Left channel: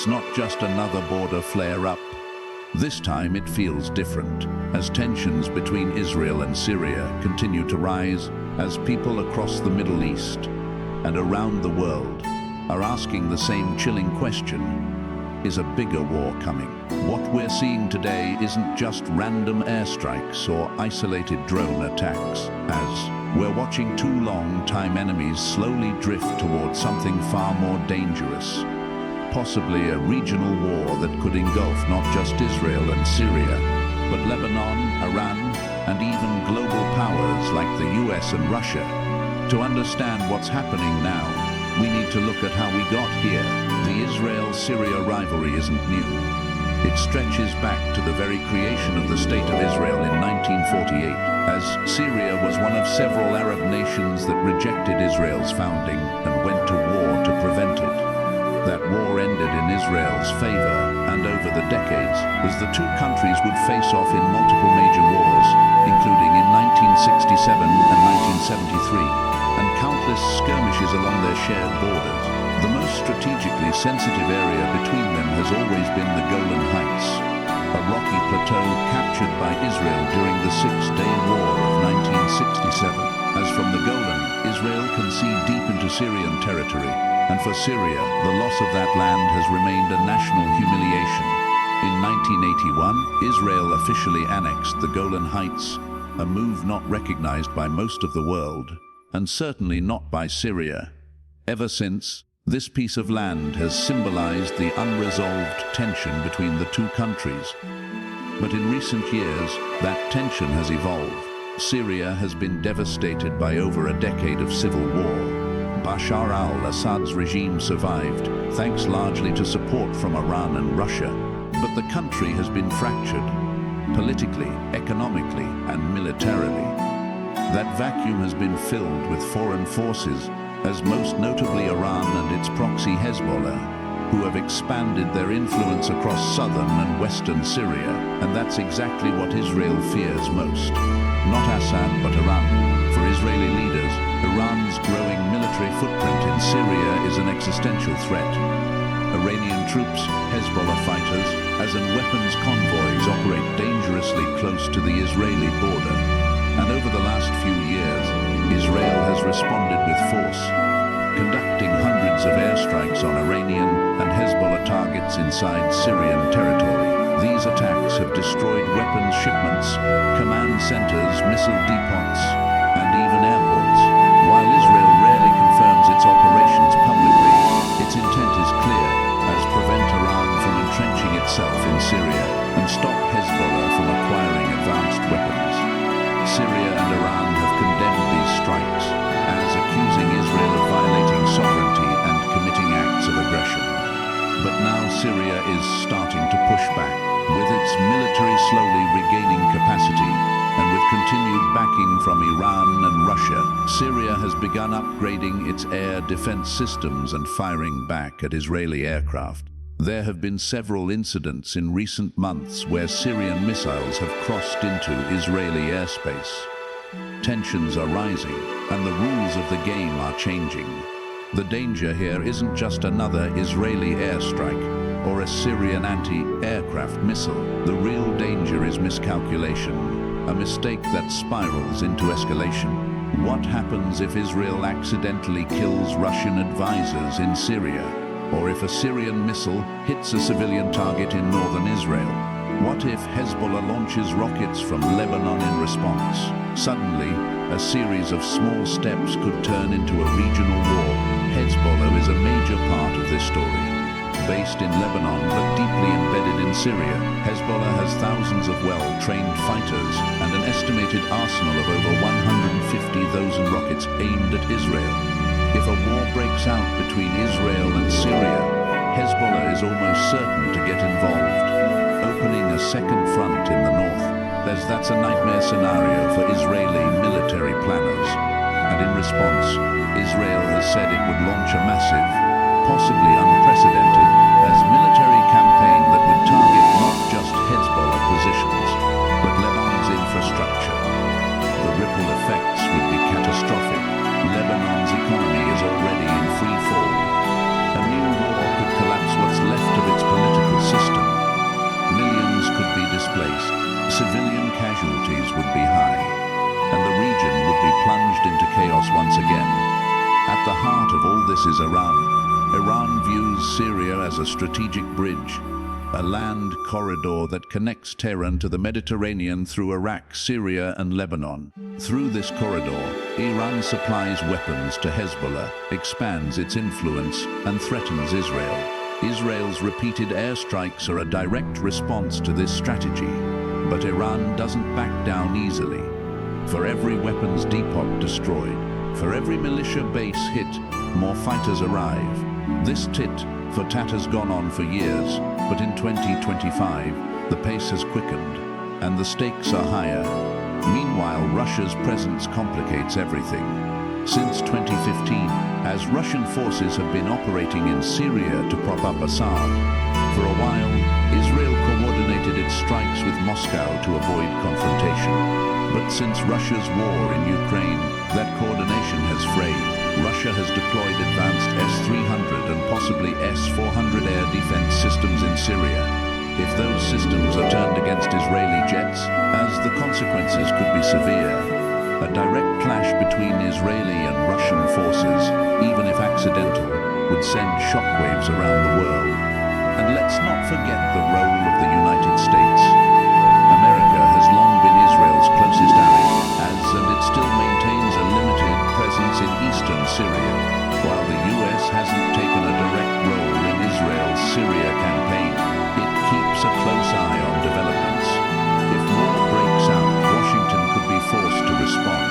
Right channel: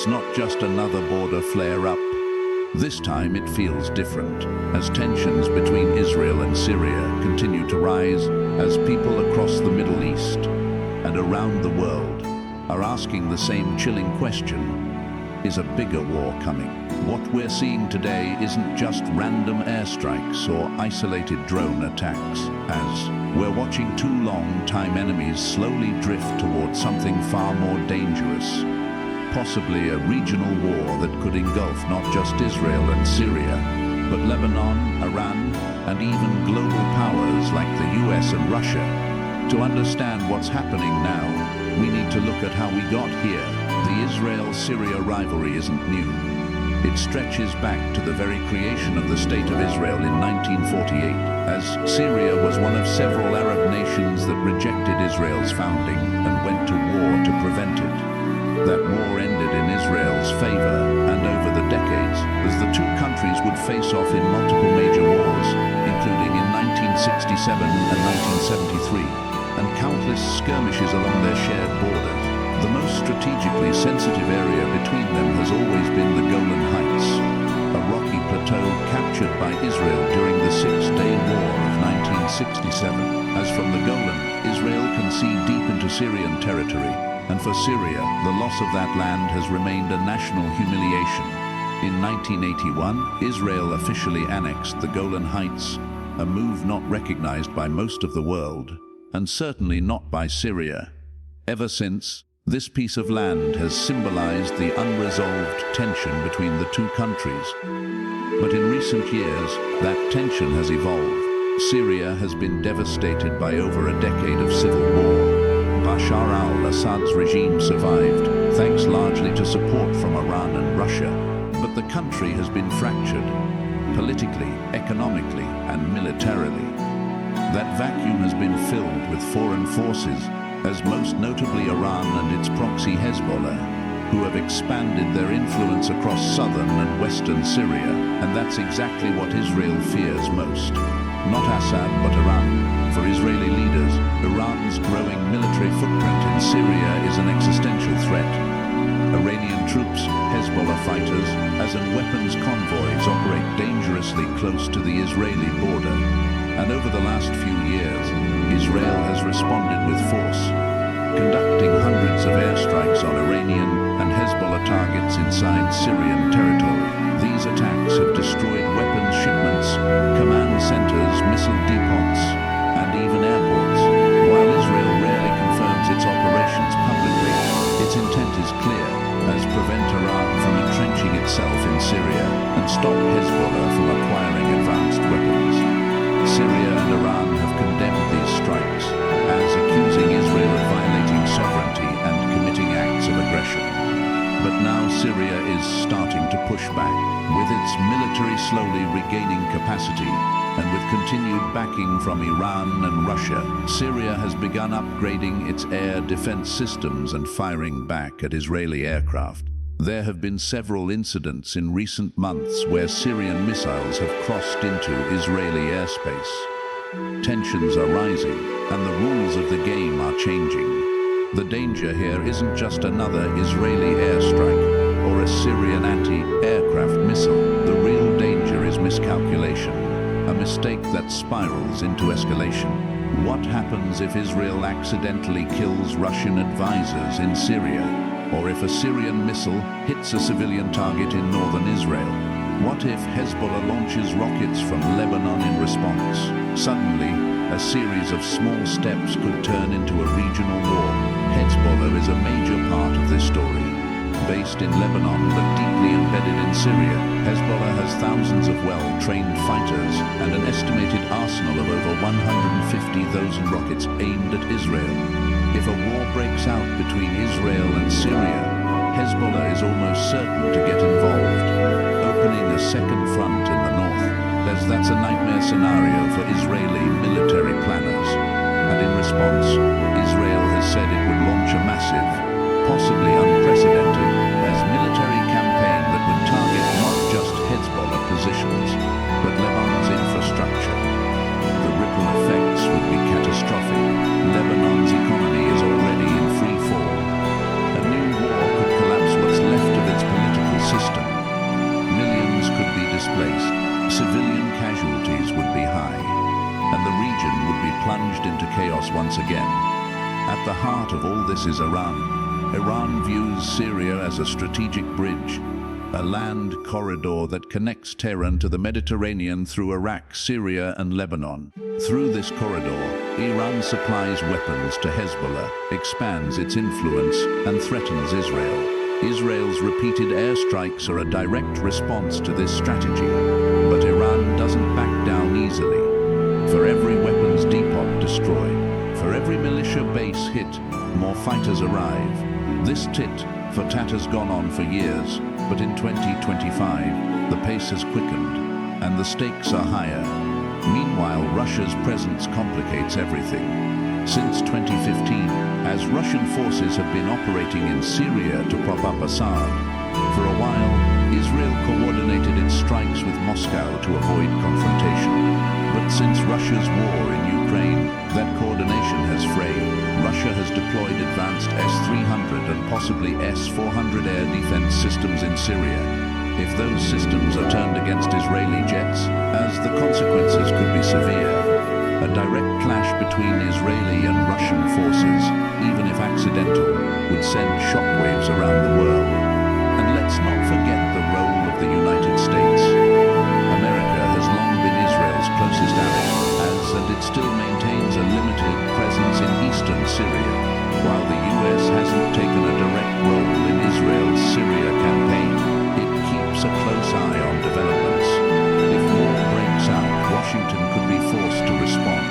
it's not just another border flare-up. This time it feels different, as tensions between Israel and Syria continue to rise, as people across the Middle East and around the world are asking the same chilling question: is a bigger war coming? What we're seeing today isn't just random airstrikes or isolated drone attacks, as we're watching two long-time enemies slowly drift towards something far more dangerous. Possibly a regional war that could engulf not just Israel and Syria, but Lebanon, Iran, and even global powers like the US and Russia. To understand what's happening now, we need to look at how we got here. The Israel-Syria rivalry isn't new. It stretches back to the very creation of the State of Israel in 1948, as Syria was one of several Arab nations that rejected Israel's founding and went to war to prevent it. That war ended in Israel's favor, and over the decades, as the two countries would face off in multiple major wars, including in 1967 and 1973, and countless skirmishes along their shared borders. The most strategically sensitive area between them has always been the Golan Heights, a rocky plateau captured by Israel during the Six-Day War of 1967. As from the Golan, Israel can see deep into Syrian territory, and for Syria, the loss of that land has remained a national humiliation. In 1981, Israel officially annexed the Golan Heights, a move not recognized by most of the world, and certainly not by Syria. Ever since, this piece of land has symbolized the unresolved tension between the two countries. But in recent years, that tension has evolved. Syria has been devastated by over a decade of civil war. Bashar al-Assad's regime survived, thanks largely to support from Iran and Russia. But the country has been fractured, politically, economically, and militarily. That vacuum has been filled with foreign forces, as most notably Iran and its proxy Hezbollah, who have expanded their influence across southern and western Syria, and that's exactly what Israel fears most. Not Assad, but Iran. For Israeli leaders, Iran's growing military footprint in Syria is an existential threat. Iranian troops, Hezbollah fighters, and weapons convoys operate dangerously close to the Israeli border. And over the last few years, Israel has responded with force, conducting hundreds of airstrikes on Iranian and Hezbollah targets inside Syrian territory. These attacks have destroyed weapons shipments, command centers, missile depots, and even airports. While Israel rarely confirms its operations publicly, its intent is clear, as prevent Iran from entrenching itself in Syria and stop Hezbollah from acquiring advanced weapons. Syria and Iran have condemned these strikes, as accusing Israel of violating sovereignty and committing acts of aggression. But now Syria is starting to push back, with its military slowly regaining capacity, and with continued backing from Iran and Russia. Syria has begun upgrading its air defense systems and firing back at Israeli aircraft. There have been several incidents in recent months where Syrian missiles have crossed into Israeli airspace. Tensions are rising, and the rules of the game are changing. The danger here isn't just another Israeli airstrike or a Syrian anti-aircraft missile. The real danger is miscalculation, a mistake that spirals into escalation. What happens if Israel accidentally kills Russian advisors in Syria? Or if a Syrian missile hits a civilian target in northern Israel? What if Hezbollah launches rockets from Lebanon in response? Suddenly, a series of small steps could turn into a regional war. Hezbollah is a major part of this story. Based in Lebanon but deeply embedded in Syria, Hezbollah has thousands of well-trained fighters and an estimated arsenal of over 150,000 rockets aimed at Israel. If a war breaks out between Israel and Syria, Hezbollah is almost certain to get involved, opening a second front in the north. That's a nightmare scenario for Israeli military planners. And in response, Israel has said it would launch a massive, possibly unprecedented, military campaign that would target not just Hezbollah positions, but Lebanon's infrastructure. The ripple effects would be catastrophic. Lebanon's economy is already in free fall. A new war could collapse what's left of its would be displaced, civilian casualties would be high, and the region would be plunged into chaos once again. At the heart of all this is Iran. Iran views Syria as a strategic bridge, a land corridor that connects Tehran to the Mediterranean through Iraq, Syria, and Lebanon. Through this corridor, Iran supplies weapons to Hezbollah, expands its influence, and threatens Israel. Israel's repeated airstrikes are a direct response to this strategy, but Iran doesn't back down easily. For every weapons depot destroyed, for every militia base hit, more fighters arrive. This tit-for-tat has gone on for years, but in 2025, the pace has quickened, and the stakes are higher. Meanwhile, Russia's presence complicates everything. Since 2015, as Russian forces have been operating in Syria to prop up Assad, for a while, Israel coordinated its strikes with Moscow to avoid confrontation. But since Russia's war in Ukraine, that coordination has frayed. Russia has deployed advanced S-300 and possibly S-400 air defense systems in Syria. If those systems are turned against Israeli jets, as the consequences could be severe. A direct clash between Israeli and Russian forces, even if accidental, would send shockwaves around the world. And let's not forget the role of the United States. America has long been Israel's closest ally, and it still maintains a limited presence in eastern Syria, while the US hasn't taken a direct role in Israel's Syria campaign. It keeps a close eye on developments. If war breaks out, Washington could be forced to respond,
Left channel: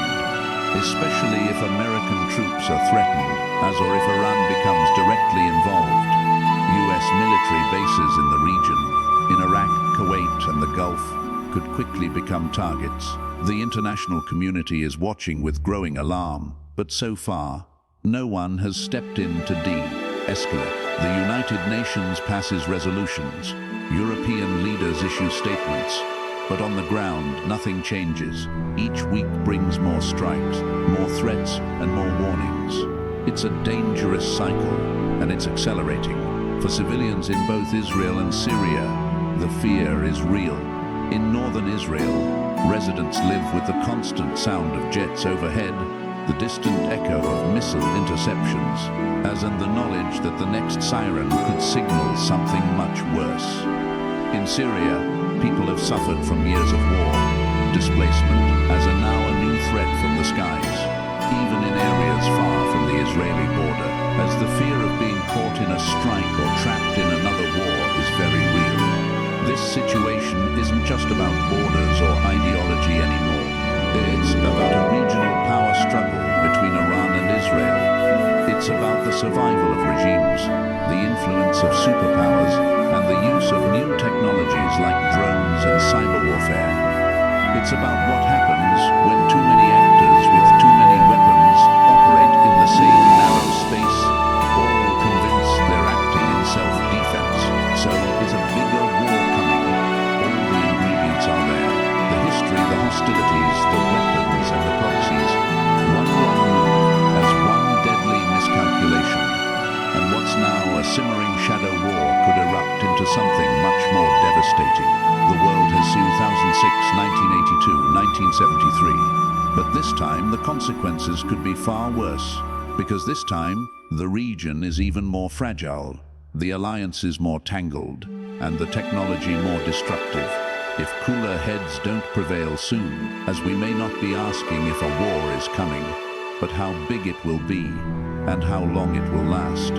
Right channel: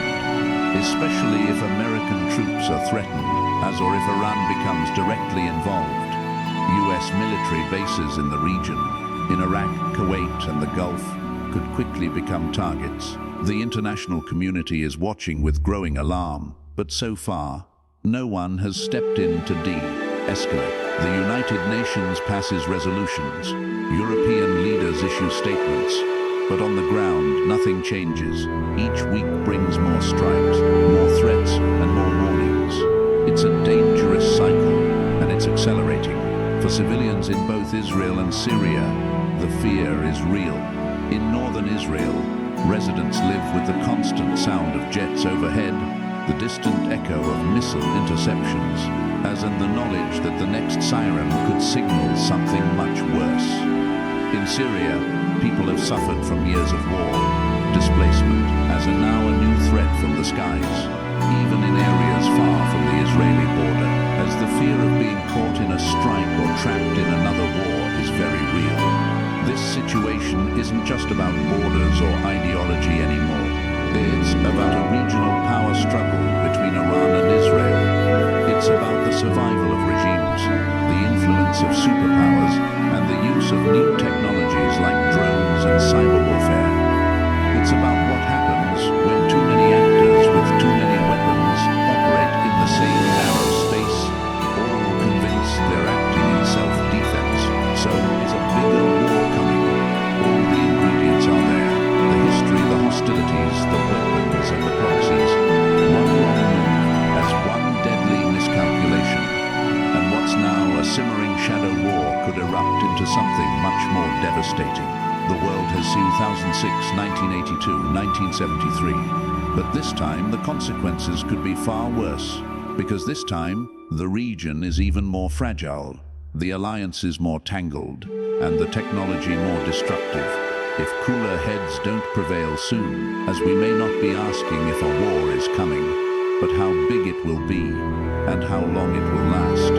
especially if American troops are threatened, or if Iran becomes directly involved. US military bases in the region, in Iraq, Kuwait, and the Gulf, could quickly become targets. The international community is watching with growing alarm, but so far, no one has stepped in to de-escalate. The United Nations passes resolutions, European leaders issue statements, but on the ground, nothing changes. Each week brings more strikes, more threats, and more warnings. It's a dangerous cycle, and it's accelerating. For civilians in both Israel and Syria, the fear is real. In northern Israel, residents live with the constant sound of jets overhead, the distant echo of missile interceptions, as in the knowledge that the next siren could signal something much worse. In Syria, people have suffered from years of war, displacement, as are now a new threat from the skies, even in areas far from the Israeli border, as the fear of being caught in a strike or trapped in another war is very real. This situation isn't just about borders or ideology anymore. It's about a regional power struggle between Iran and Israel. It's about the survival of regimes, the influence of superpowers, and the use of new technologies like drones and cyber warfare. It's about what happens when too many actors with too many weapons operate in the same narrow space, all convinced they're acting in self-defense. So is a bigger war coming? All the ingredients are there. The history, the hostilities, the weapons, and the proxies. One wrong move as one deadly miscalculation. And what's now a simmering shadow war could erupt into something much more devastating. The world has seen 2006, 1982, 1973. But this time, the consequences could be far worse. Because this time, the region is even more fragile. The alliance is more tangled, and the technology more destructive. If cooler heads don't prevail soon, as we may not be asking if a war is coming, but how big it will be, and how long it will last.